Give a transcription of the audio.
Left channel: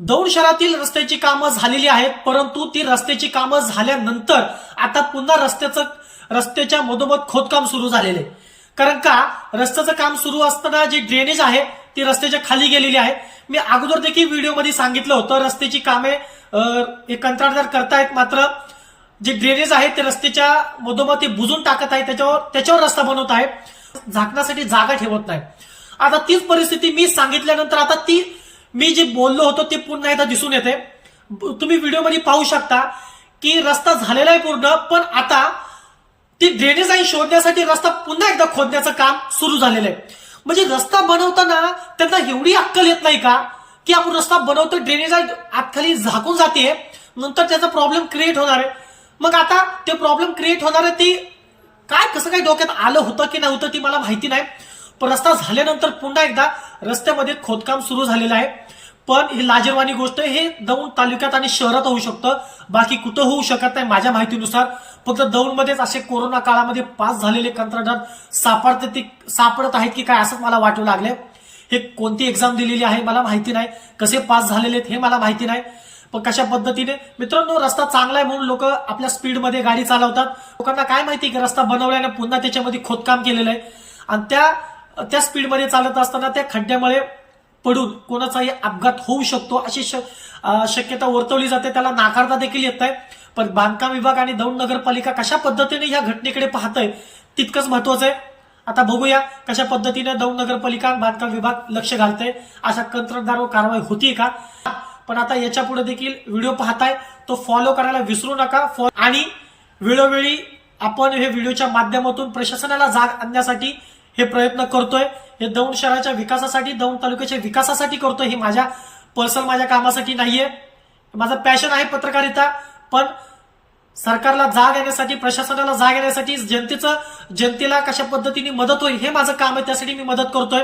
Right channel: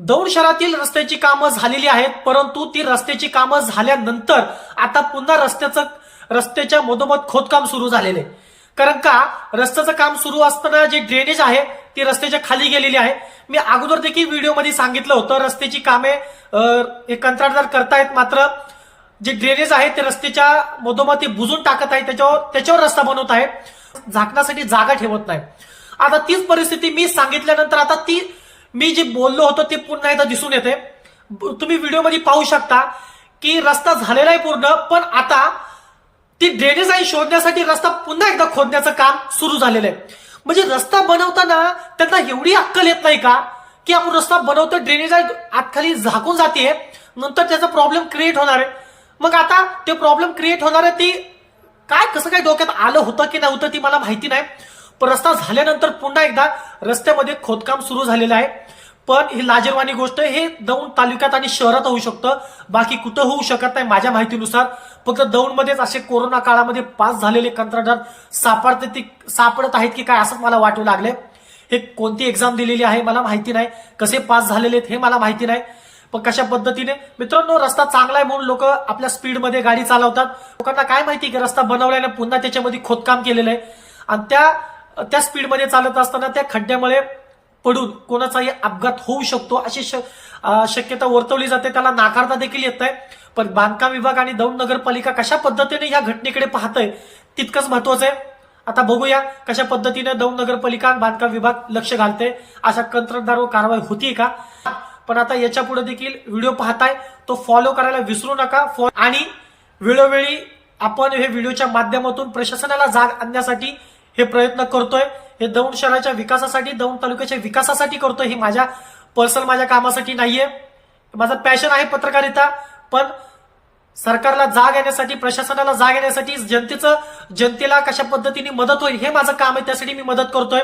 दौंड शहरातील रस्त्याची कामं झालेली आहेत, परंतु ती रस्त्याची कामं झाल्यानंतर आता पुन्हा रस्त्याच्या मधोमध खोदकाम सुरू झालेले. कारण का रस्त्याचं काम सुरू असताना जी ड्रेनेज आहे ती रस्त्याच्या खाली गेलेली आहे. मी अगोदर देखील व्हिडिओमध्ये सांगितलं होतं रस्त्याची कामे कंत्राटदार करतायत, मात्र जे ड्रेनेज आहे ते रस्त्याच्या मधोमध ते बुजून टाकत आहे, त्याच्यावर रस्ता बनवत आहे, झाकण्यासाठी जागा ठेवत नाही. आता तीच परिस्थिती मी सांगितल्यानंतर आता ती मी जे बोललो होतो ते पुन्हा एकदा दिसून येते. तुम्ही व्हिडिओमध्ये पाहू शकता की रस्ता झालेला आहे पूर्ण, पण आता ती ड्रेनेज लाईन शोधण्यासाठी रस्ता पुन्हा एकदा खोदण्याचं काम सुरू झालेलं आहे. म्हणजे रस्ता बनवताना त्यांना एवढी अक्कल येत नाही का की आपण रस्ता बनवतो, ड्रेनेज लाईन आतखाली झाकून जाते, नंतर त्याचा प्रॉब्लेम क्रिएट होणार आहे. मग आता ते प्रॉब्लेम क्रिएट होणार आहे ती काय कसं काय डोक्यात आलं होतं की नव्हतं ती मला माहिती नाही. पण रस्ता झाल्यानंतर पुन्हा एकदा रस्त्यामध्ये खोदकाम सुरू झालेलं आहे. पण ही लाजिरवाणी गोष्ट हे दौंड तालुक्यात आणि शहरात होऊ शकतं, बाकी कुठं होऊ शकत नाही माझ्या माहितीनुसार. फक्त दौंडमध्येच असे कोरोना काळामध्ये पास झालेले कंत्राटदार सापडत आहेत की काय असंच मला वाटू लागले. हे कोणती एक्झाम दिलेली आहे मला माहिती नाही, कसे पास झालेले आहेत हे मला माहिती नाही. पण कशा पद्धतीने मित्रांनो रस्ता चांगला आहे म्हणून लोक आपल्या स्पीडमध्ये गाडी चालवतात. लोकांना काय माहिती की रस्ता बनवल्याने पुन्हा त्याच्यामध्ये खोदकाम केलेलं आहे आणि त्या स्पीडमध्ये चालत असताना त्या खड्ड्यामुळे पडून कोणाचाही अपघात होऊ शकतो अशी शक्यता वर्तवली जाते. त्याला नाकारता देखील येत नाही. पण बांधकाम विभाग आणि दौंड नगरपालिका कशा पद्धतीने या घटनेकडे पाहतंय तितकंच महत्वाचं आहे. आता बघूया कशा पद्धतीने दौंड नगरपालिका आणि बांधकाम विभाग लक्ष घालते, अशा कंत्राटदारावर कारवाई होती का. पण आता याच्या पुढे देखील व्हिडिओ पाहताय तो फॉलो करायला विसरू नका. आणि वेळोवेळी आपण हे व्हिडिओच्या माध्यमातून प्रशासनाला जाग आणण्यासाठी हे प्रयत्न करतोय. हे दौंड शहराच्या विकासासाठी, दौंड तालुक्याच्या विकासासाठी करतोय. हे माझ्या कामासाठी नाहीये. माझं पॅशन आहे पत्रकारिता. पण सरकारला जाग येण्यासाठी, प्रशासनाला जाग येण्यासाठी, जनतेला कशा पद्धतीने मदत होईल हे माझं काम आहे, त्यासाठी मी मदत करतोय.